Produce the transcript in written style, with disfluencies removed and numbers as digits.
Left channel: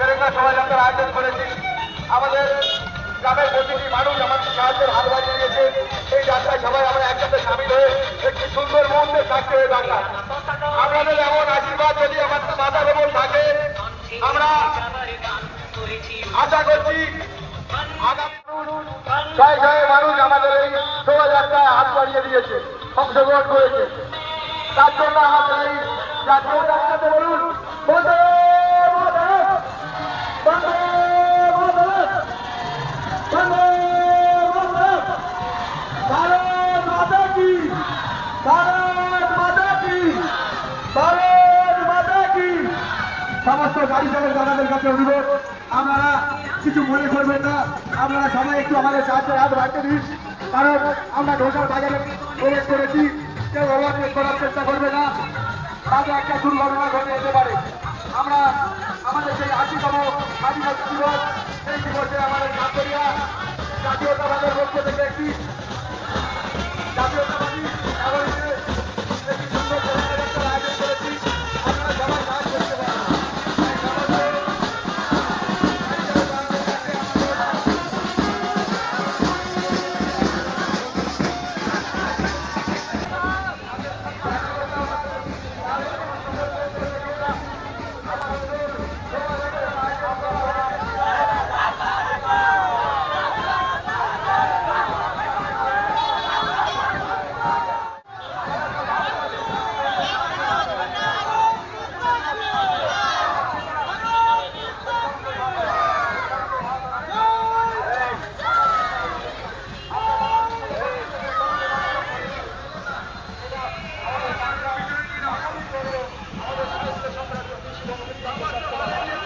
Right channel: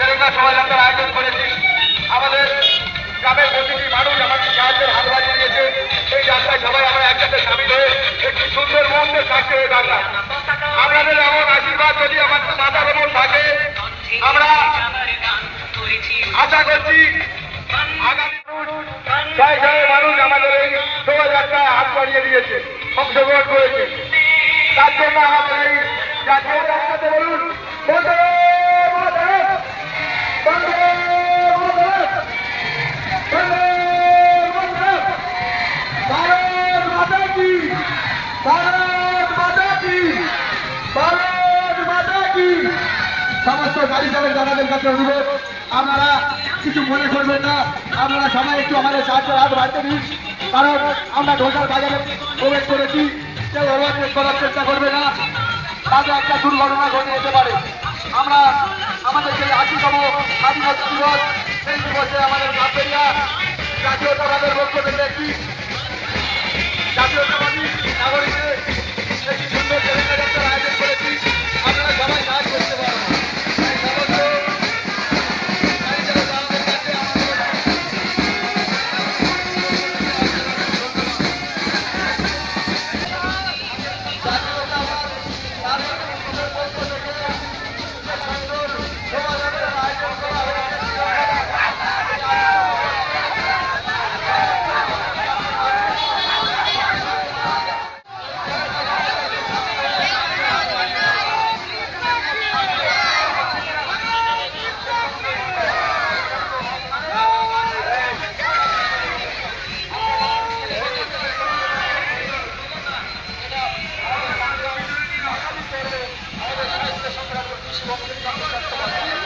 তেরঙ্গা শোভাযাত্রার আয়োজন করেছি। আমাদের গ্রামের প্রতিটি মানুষ আমাদের সাহায্যের হাত বাড়িয়ে দিয়েছে। এই যাত্রায় সবাই আমরা একসাথে সামিল হয়ে একটি সুন্দর মুহূর্তের সাক্ষী হয়ে থাকলাম। আপনাদের এমন আশীর্বাদ যদি আমাদের মাথার ওপর থাকে, আমরা আশা করছি আগামী ছয় ছয় মানুষ আমাদের এই শোভাযাত্রায় হাত বাড়িয়ে দিয়েছে, অংশগ্রহণ করেছে। তার জন্য আমাদের এই জাতীয় যাত্রাতে বলুন বন্দে মাতরম, বন্দে মাতরম, বন্দে মাতরম, ভারত মাতা কি, ভারত মাতা কি, ভারত মাতা কি। সমস্ত গাড়ি চালক দাদাদের কাছে অনুরোধ, আপনারা কিছু মনে করবেন না, আপনারা সবাই একটু আমাদের সাহায্যের হাত বাড়তে দিন, কারণ আমরা ঢোকার বাজারে প্রবেশ করেছি। কেউ ওভারটেক করার চেষ্টা করবে না, তাতে একটা দুর্ঘটনা ঘটে যেতে পারে। আমরা আমাদের যে ৮০তম স্বাধীনতা দিবস, সেই দিবসে আমাদের নাগরিয়া জাতীয়তাবাদের পক্ষ থেকে একটি জাতীয়তাবাদী নাগরিকদের একটি সুন্দর শোভাযাত্রার আয়োজন করেছি। আপনারা সবাই সাহায্য করতে পারেন। আমাদের